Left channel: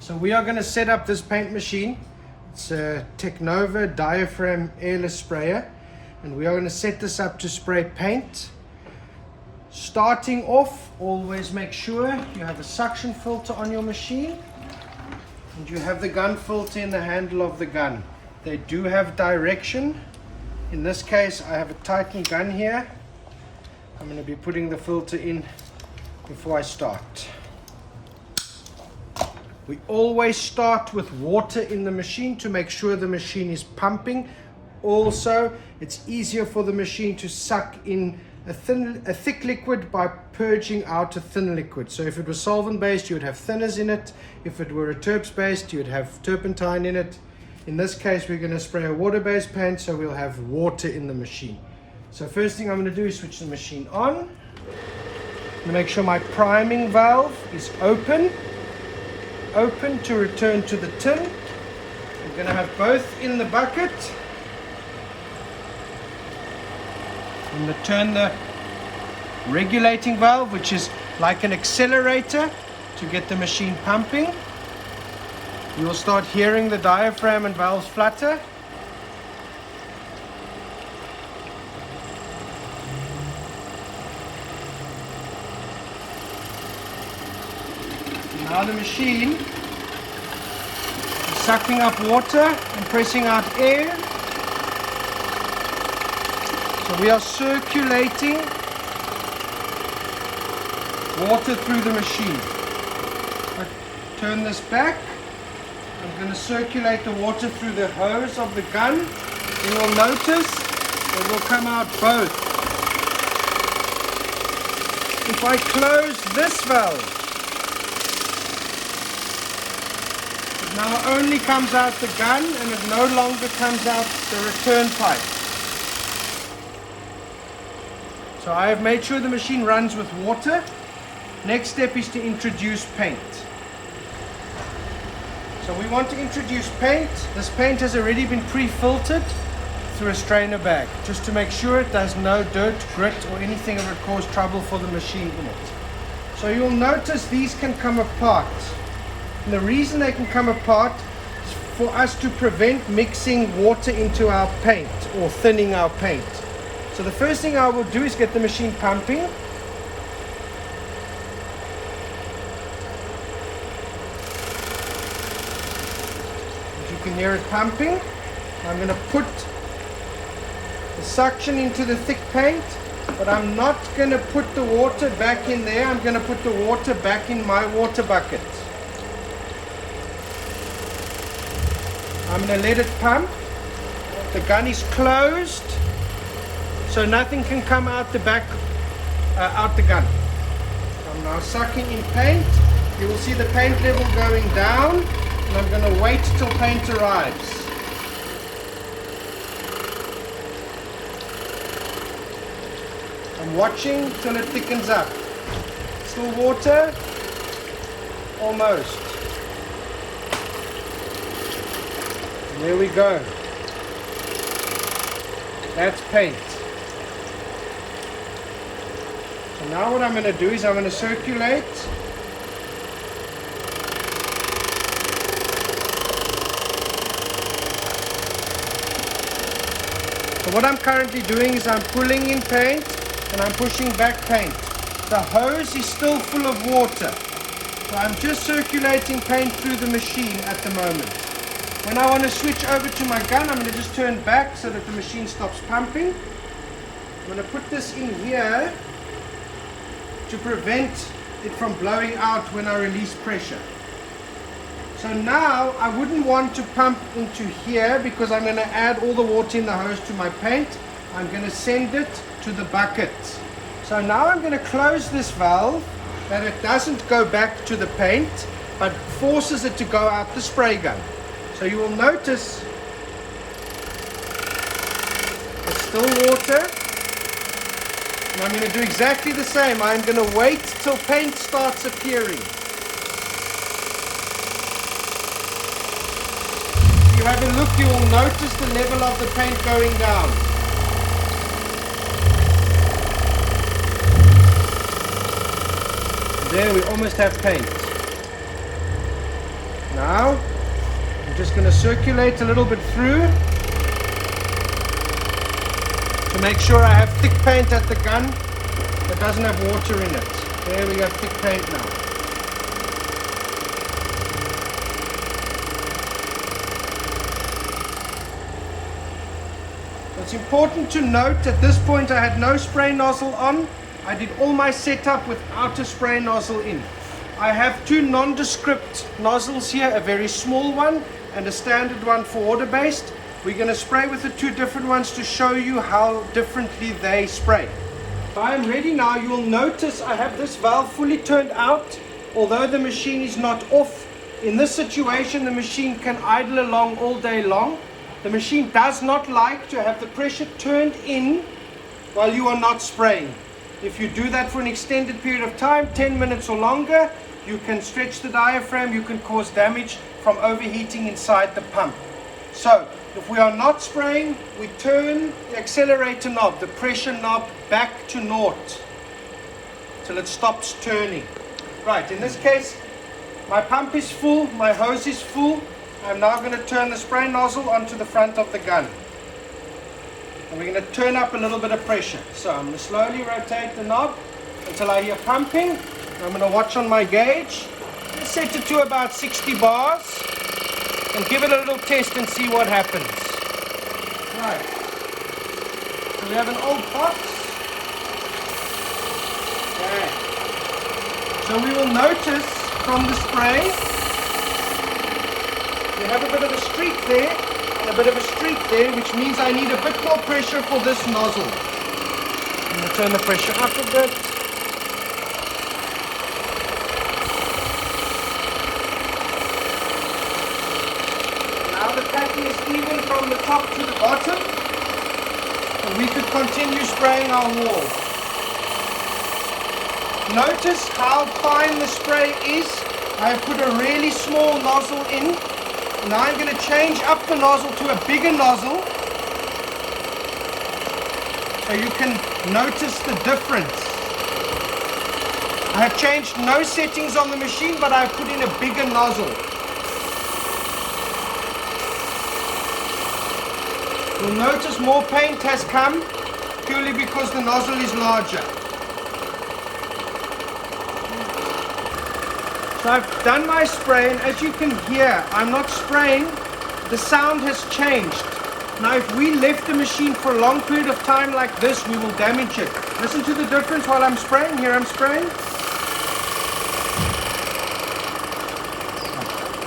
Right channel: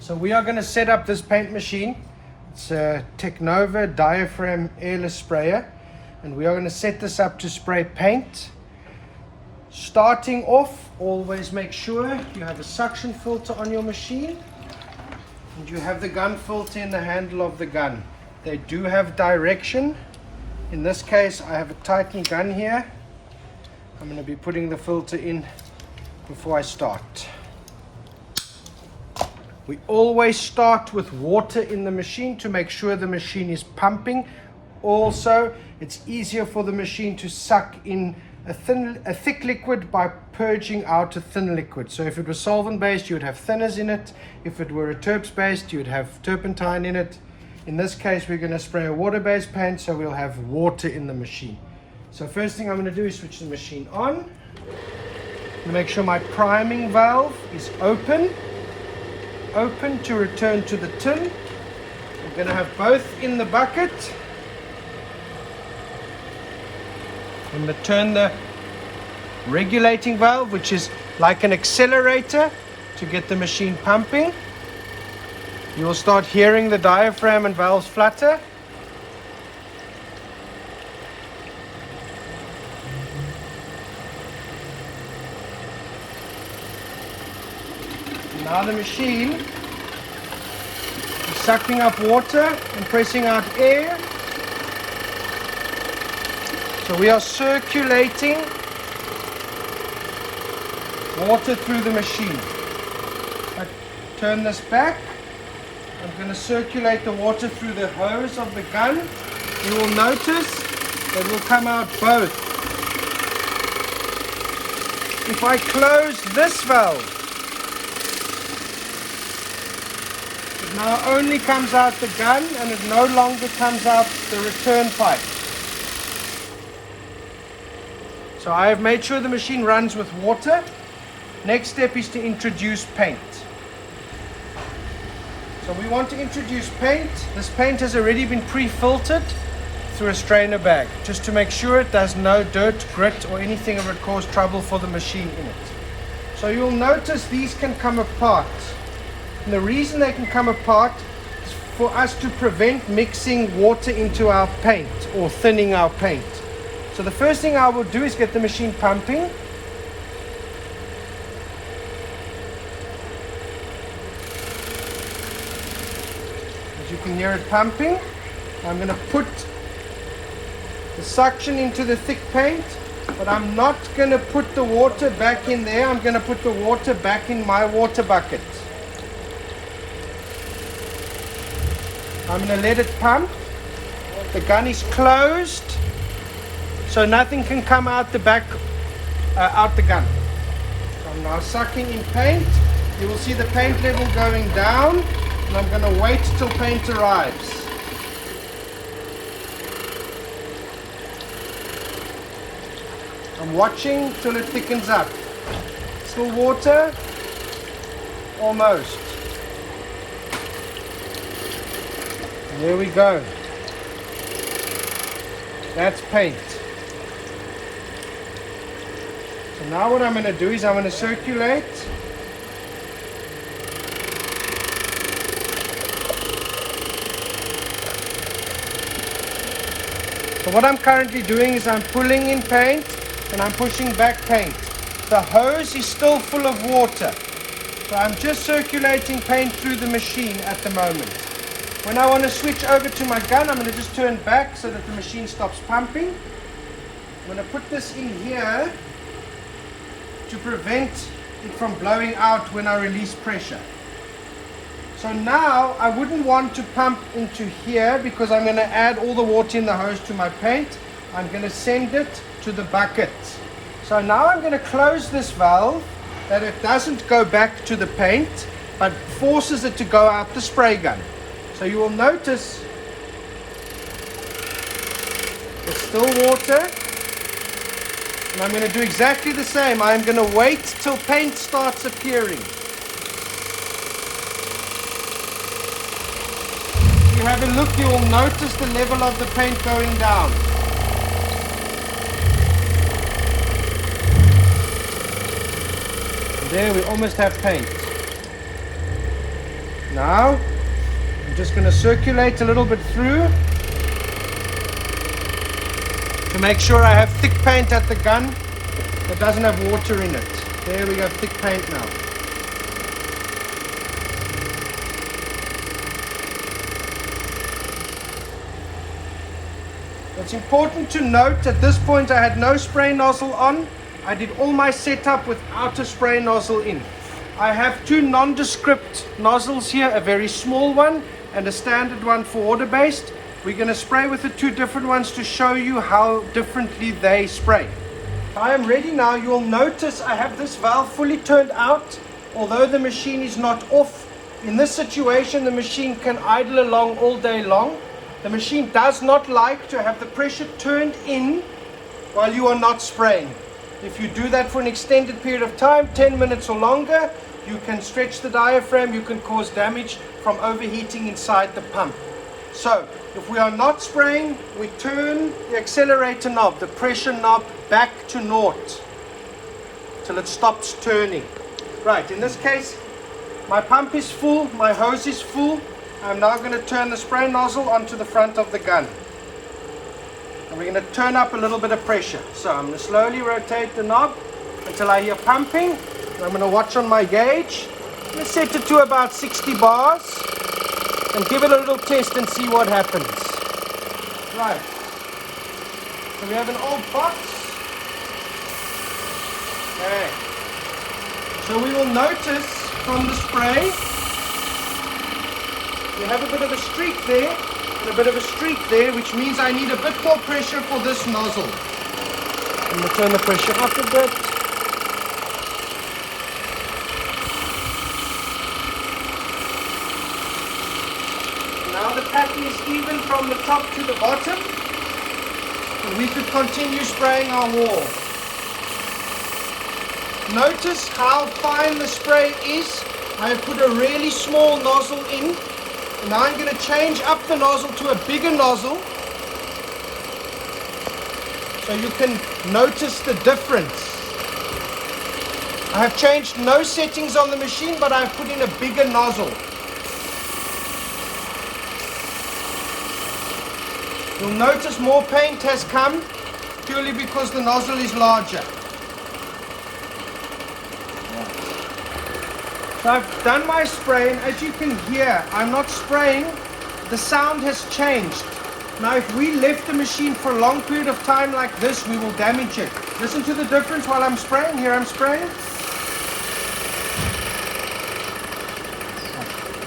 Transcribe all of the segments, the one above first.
So we are going to set up this paint machine. It's a Technova Diaphragm airless sprayer, and we are going to set this up to spray paint. Starting off, always make sure you have a suction filter on your machine and you have the gun filter in the handle of the gun. They do have direction. In this case, I have a tightened gun here. I'm going to be putting the filter in before I start. We always start with water in the machine to make sure the machine is pumping. Also, it's easier for the machine to suck in a thick liquid by purging out a thin liquid. So if it was solvent based, you would have thinners in it. If it were a terps based, you would have turpentine in it. In this case, we're going to spray a water based paint, so we'll have water in the machine. So first thing I'm going to do is switch the machine on. I'm going to make sure my priming valve is open to return to the tin. I'm going to have both in the bucket. I'm going to turn the regulating valve, which is like an accelerator, to get the machine pumping. You will start hearing the diaphragm and valves flutter. Now the machine is sucking up water and pressing out air. So we are circulating water through the machine. I turn this back. I'm going to circulate the water through the hose of the gun. You will notice it will come out both. If I close this valve, it now only comes out the gun and it no longer comes out the return pipe. So I have made sure the machine runs with water. Next step is to introduce paint. So we want to introduce paint. This paint has already been pre-filtered through a strainer bag, just to make sure it does no dirt, grit or anything that would cause trouble for the machine in it. So you'll notice these can come apart. And the reason they can come apart is for us to prevent mixing water into our paint or thinning our paint. So the first thing I will do is get the machine pumping. As you can hear it pumping, I'm going to put the suction into the thick paint, but I'm not going to put the water back in there. I'm going to put the water back in my water bucket. I'm going to let it pump. The gun is closed, so nothing can come out the back, out the gun. I'm now sucking in paint. You will see the paint level going down, and I'm going to wait till paint arrives. I'm watching till it thickens up. Still water? Almost. And there we go. That's paint. So now what I'm going to do is I'm going to circulate So what I'm currently doing is I'm pulling in paint and I'm pushing back paint. The hose is still full of water. So I'm just circulating paint through the machine at the moment. When I want to switch over to my gun, I'm going to just turn back so that the machine stops pumping. I'm going to put this in here to prevent it from blowing out when I release pressure. So now I wouldn't want to pump into here because I'm going to add all the water in the hose to my paint. I'm going to send it to the bucket. So now I'm going to close this valve that it doesn't go back to the paint but forces it to go out the spray gun. So you will notice there's still water, and I'm going to do exactly the same. I'm going to wait till paint starts appearing. If you have a look, you will notice the level of the paint going down. There we almost have paint. now I'm just going to circulate a little bit through to make sure I have thick paint at the gun that doesn't have water in it. There we have thick paint now. It's important to note at this point I had no spray nozzle on. I did all my setup without a spray nozzle in. I have two nondescript nozzles here, a very small one and a standard one for water-based. We're going to spray with the two different ones to show you how differently they spray. I am ready now. You'll notice I have this valve fully turned out, although the machine is not off. In this situation, the machine can idle along all day long. The machine does not like to have the pressure turned in while you are not spraying. If you do that for an extended period of time, 10 minutes or longer, you can stretch the diaphragm, you can cause damage from overheating inside the pump. So, if we are not spraying, we turn the accelerator knob, the pressure knob, back to naught till it stops turning. Right, in this case, my pump is full, my hose is full. I'm now going to turn the spray nozzle onto the front of the gun. And we're going to turn up a little bit of pressure. So I'm going to slowly rotate the knob until I hear pumping. I'm going to watch on my gauge. Let's set it to about 60 bars and give it a little test and see what happens. Right. So we have an old box. Okay. So we will notice from the spray you have a bit of a streak there and a bit of a streak there, which means I need a bit more pressure for this nozzle. I'm going to turn the pressure up a bit. Now the packing is even from the top to the bottom, and we could continue spraying our wall. Notice how fine the spray is. I have put a really small nozzle in. Now I'm going to change up the nozzle to a bigger nozzle so you can notice the difference. I have changed no settings on the machine, but I've put in a bigger nozzle. You'll notice more paint has come purely because the nozzle is larger. So I've done my spray, and as you can hear, I'm not spraying. The sound has changed. Now if we left the machine for a long period of time like this, we will damage it. Listen to the difference while I'm spraying. Here I'm spraying.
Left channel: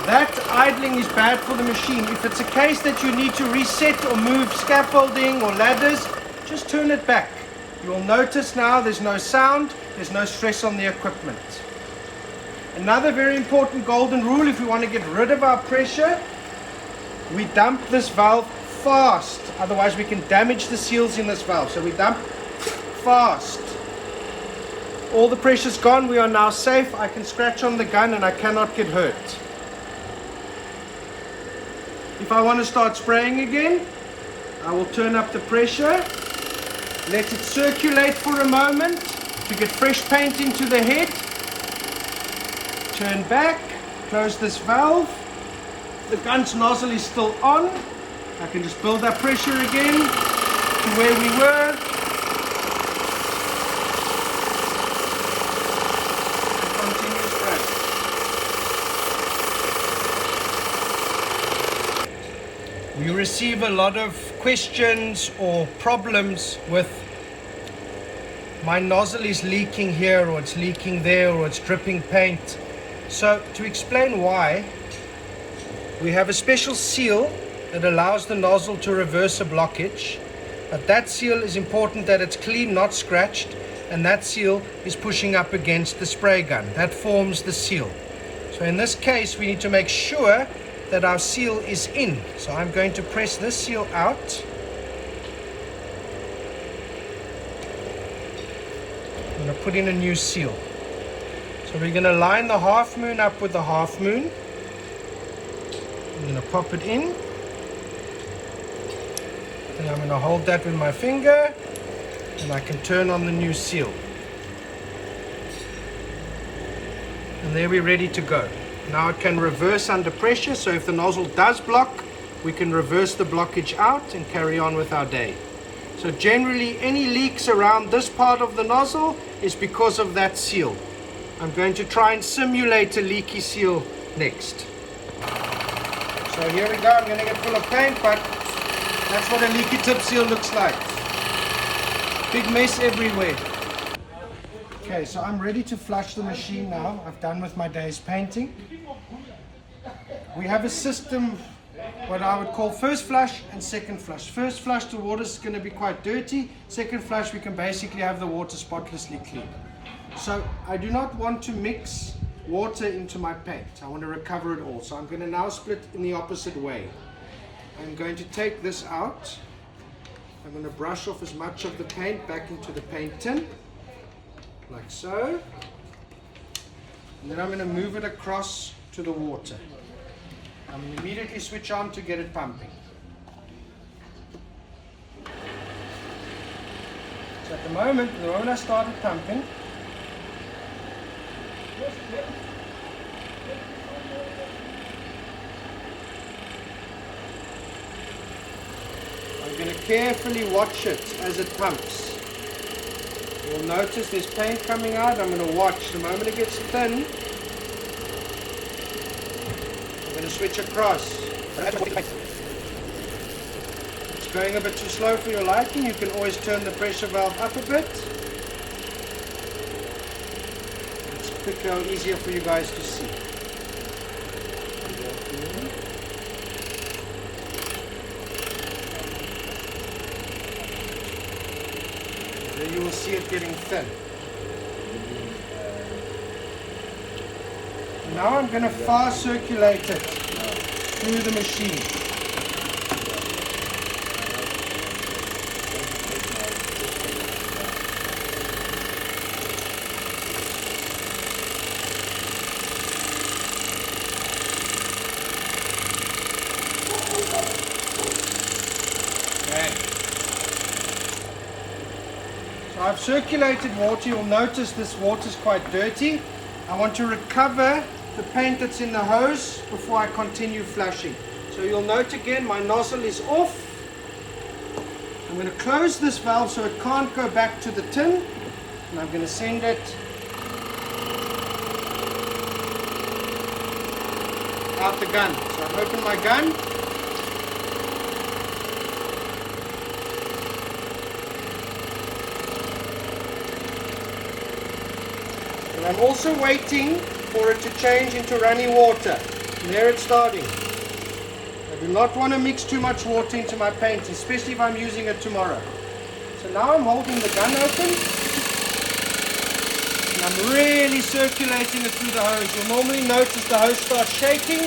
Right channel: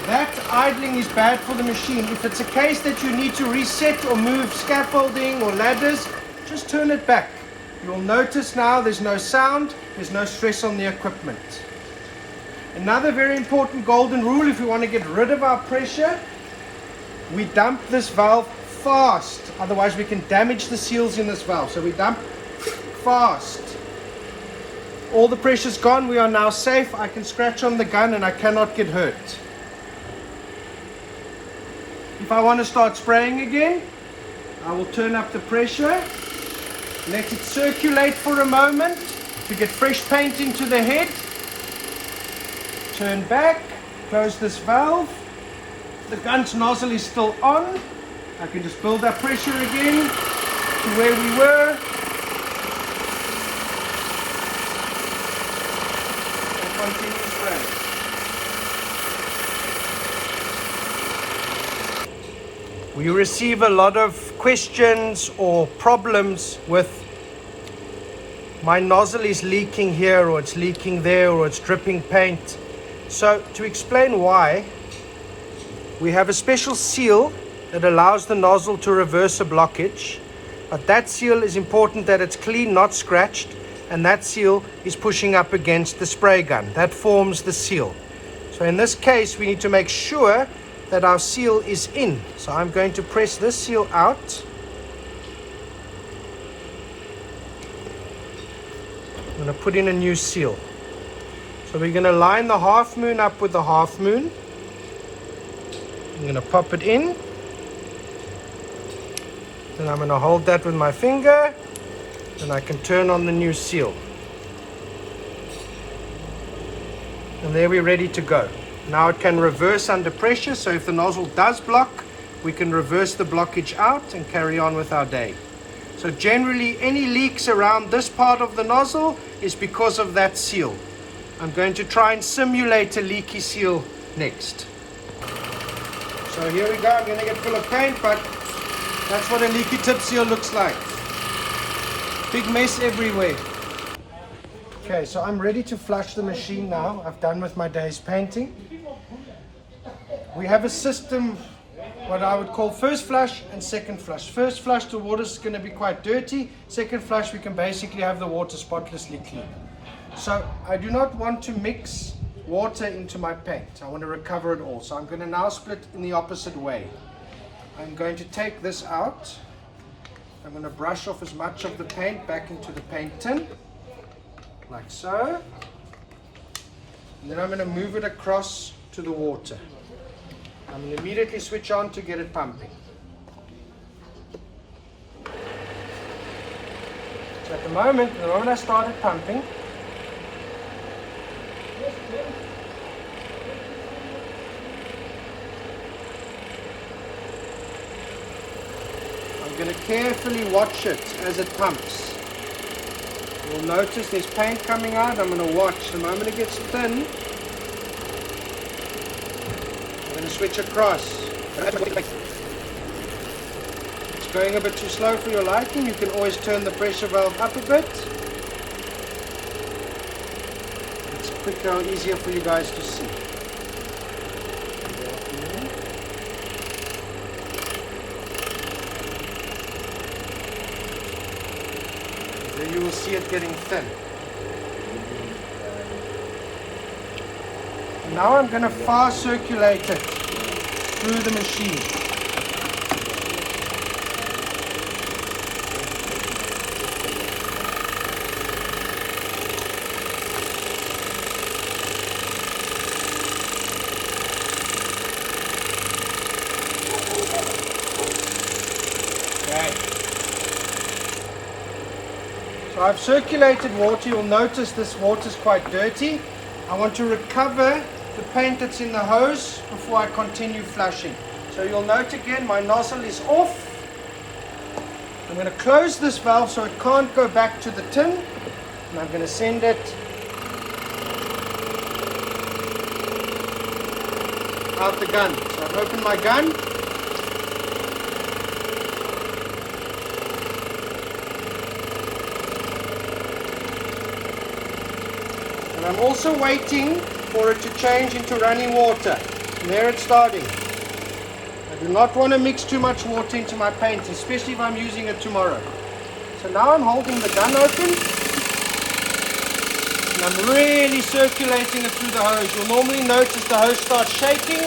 That idling is bad for the machine. If it's a case that you need to reset or move scaffolding or ladders, just turn it back. You'll notice now there's no sound, there's no stress on the equipment. Another very important golden rule, if we want to get rid of our pressure, we dump this valve fast. Otherwise we can damage the seals in this valve. So we dump fast. All the pressure's gone. We are now safe. I can scratch on the gun and I cannot get hurt. If I want to start spraying again, I will turn up the pressure, let it circulate for a moment to get fresh paint into the head. Turn back, close this valve. The gun's nozzle is still on. I can just build up pressure again to where we were. And continue spraying. We receive a lot of questions or problems with my nozzle is leaking here, or it's leaking there, or it's dripping paint. So to explain why, we have a special seal that allows the nozzle to reverse a blockage, but that seal is important that it's clean, not scratched, and that seal is pushing up against the spray gun. That forms the seal. So in this case, we need to make sure that our seal is in. So I'm going to press this seal out. I'm going to put in a new seal. So we're going to line the half moon up with the half moon. I'm going to pop it in. Then I'm going to hold that with my finger, and I can turn on the new seal. And there we're ready to go. Now it can reverse under pressure, so if the nozzle does block, we can reverse the blockage out and carry on with our day. So generally any leaks around this part of the nozzle is because of that seal. I'm going to try and simulate a leaky seal next. So here we go, I'm going to get full of paint, but that's what a leaky tip seal looks like. Big mess everywhere. Okay, so I'm ready to flush the machine now. I've done with my day's painting. We have a system, what I would call first flush and second flush. First flush, the water is going to be quite dirty. Second flush, we can basically have the water spotlessly clean. So I do not want to mix water into my paint. I want to recover it all. So I'm going to now split in the opposite way. I'm going to take this out. I'm going to brush off as much of the paint back into the paint tin, like so. And then I'm going to move it across to the water. I'm going to immediately switch on to get it pumping. So at the moment I started pumping, I'm going to carefully watch it as it pumps. You'll notice there's paint coming out. I'm going to watch. The moment it gets thin, I'm going to switch across. It's going a bit too slow for your liking. You can always turn the pressure valve up a bit. It's quicker or easier for you guys to see. You will see it getting thin. Now I'm going to fast circulate it through the machine. Okay. So I've circulated water. You'll notice this water is quite dirty. I want to recover the paint that's in the hose before I continue flushing. So you'll note again my nozzle is off. I'm going to close this valve so it can't go back to the tin, and I'm going to send it out the gun. So I've opened my gun. And I'm also waiting for it to change into running water. And there it's starting. I do not want to mix too much water into my paint, especially if I'm using it tomorrow. So now I'm holding the gun open. And I'm really circulating it through the hose. You'll normally notice the hose starts shaking.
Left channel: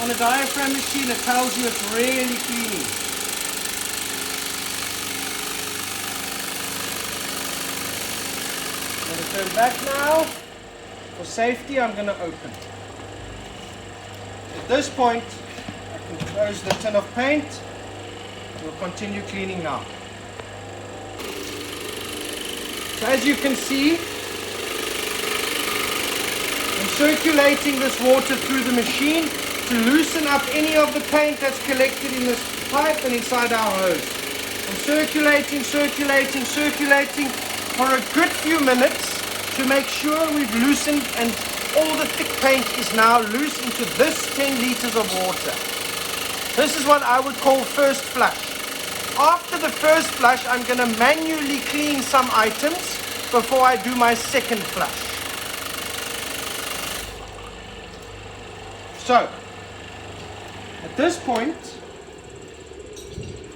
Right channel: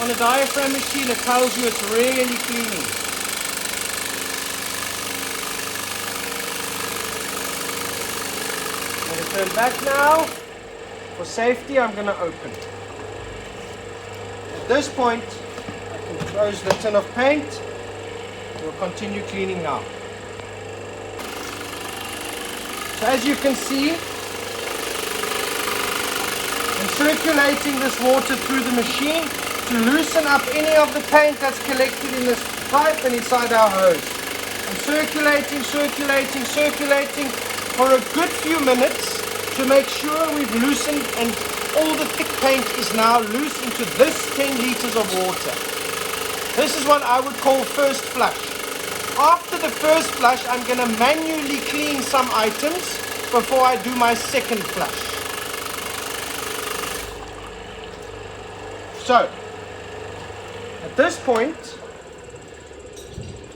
On a diaphragm machine, it tells you it's really cleaning. I'm going to turn back now. For safety, I'm going to open. At this point, I can close the tin of paint. We'll continue cleaning now. So as you can see, I'm circulating this water through the machine to loosen up any of the paint that's collected in this pipe and inside our hose. I'm circulating for a good few minutes to make sure we've loosened and all the thick paint is now loose into this 10 liters of water. This is what I would call first flush. After the first flush, I'm going to manually clean some items before I do my second flush. So, at this point,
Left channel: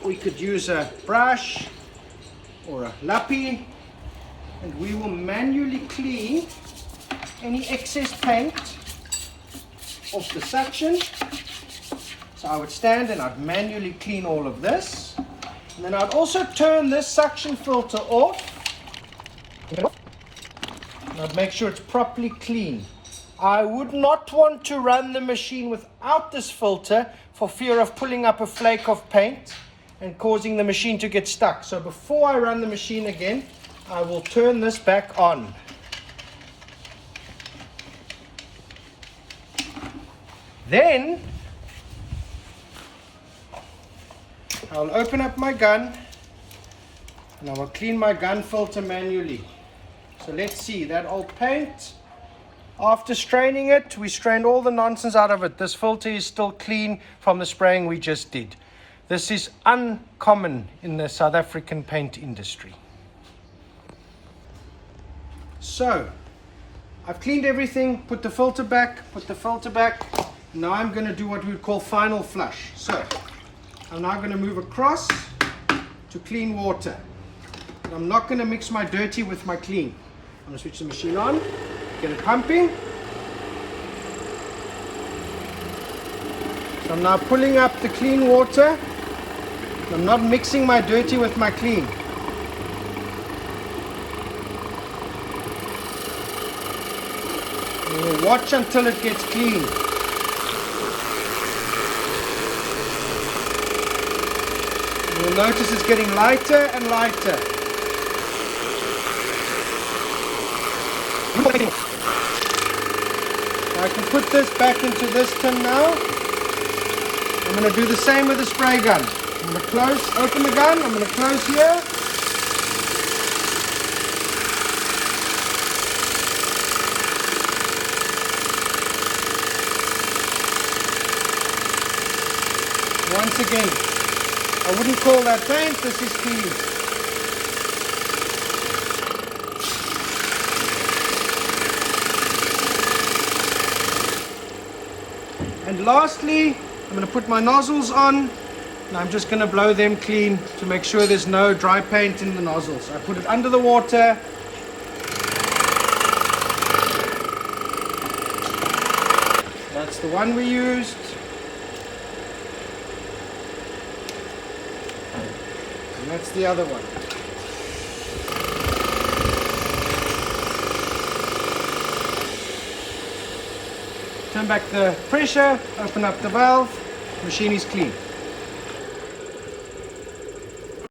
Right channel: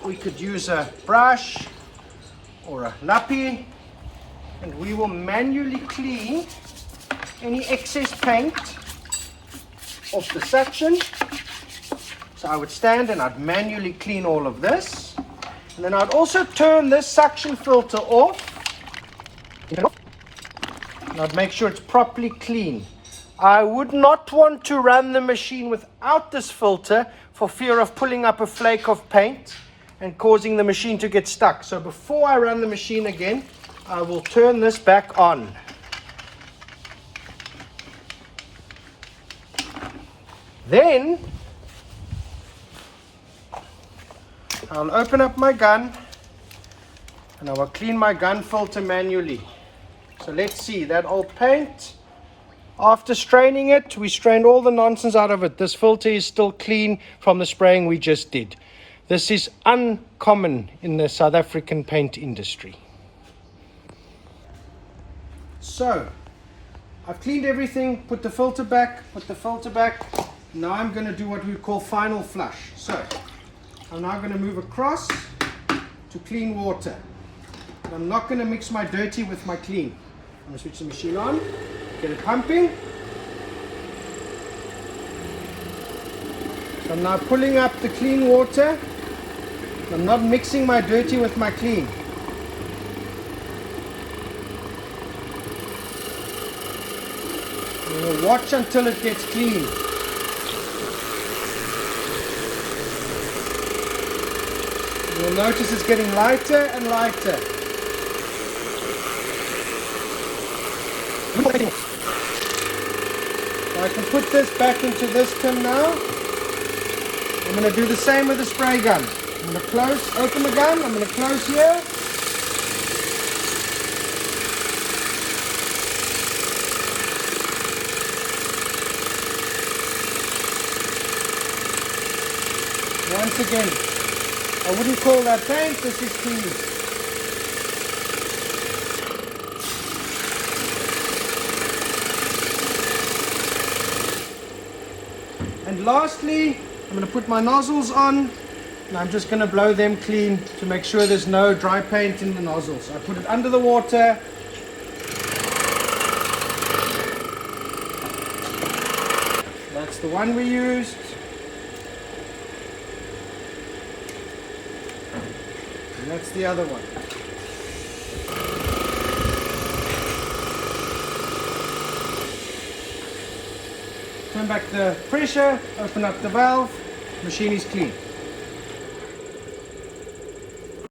we could use a brush or a lappy, and we will manually clean any excess paint off the suction. So I would stand and I'd manually clean all of this. And then I'd also turn this suction filter off. And I'd make sure it's properly clean. I would not want to run the machine without this filter for fear of pulling up a flake of paint and causing the machine to get stuck. So before I run the machine again, I will turn this back on. Then I'll open up my gun and I will clean my gun filter manually. So let's see, that old paint, after straining it, we strained all the nonsense out of it. This filter is still clean from the spraying we just did. This is uncommon in the South African paint industry. So I've cleaned everything, put the filter back. Now I'm going to do what we call final flush. So I'm now going to move across to clean water. And I'm not going to mix my dirty with my clean. I'm going to switch the machine on, get it pumping. So I'm now pulling up the clean water. I'm not mixing my dirty with my clean. We'll watch until it gets clean. You'll notice it's getting lighter and lighter. I can put this back into this tin now. I'm going to do the same with the spray gun. I'm going to open the gun, I'm going to close here. Once again, I wouldn't call that paint, this is clean. And lastly, I'm going to put my nozzles on and I'm just going to blow them clean to make sure there's no dry paint in the nozzles. So I put it under the water. That's the one we used. And that's the other one. Turn back the pressure, open up the valve, machine is clean.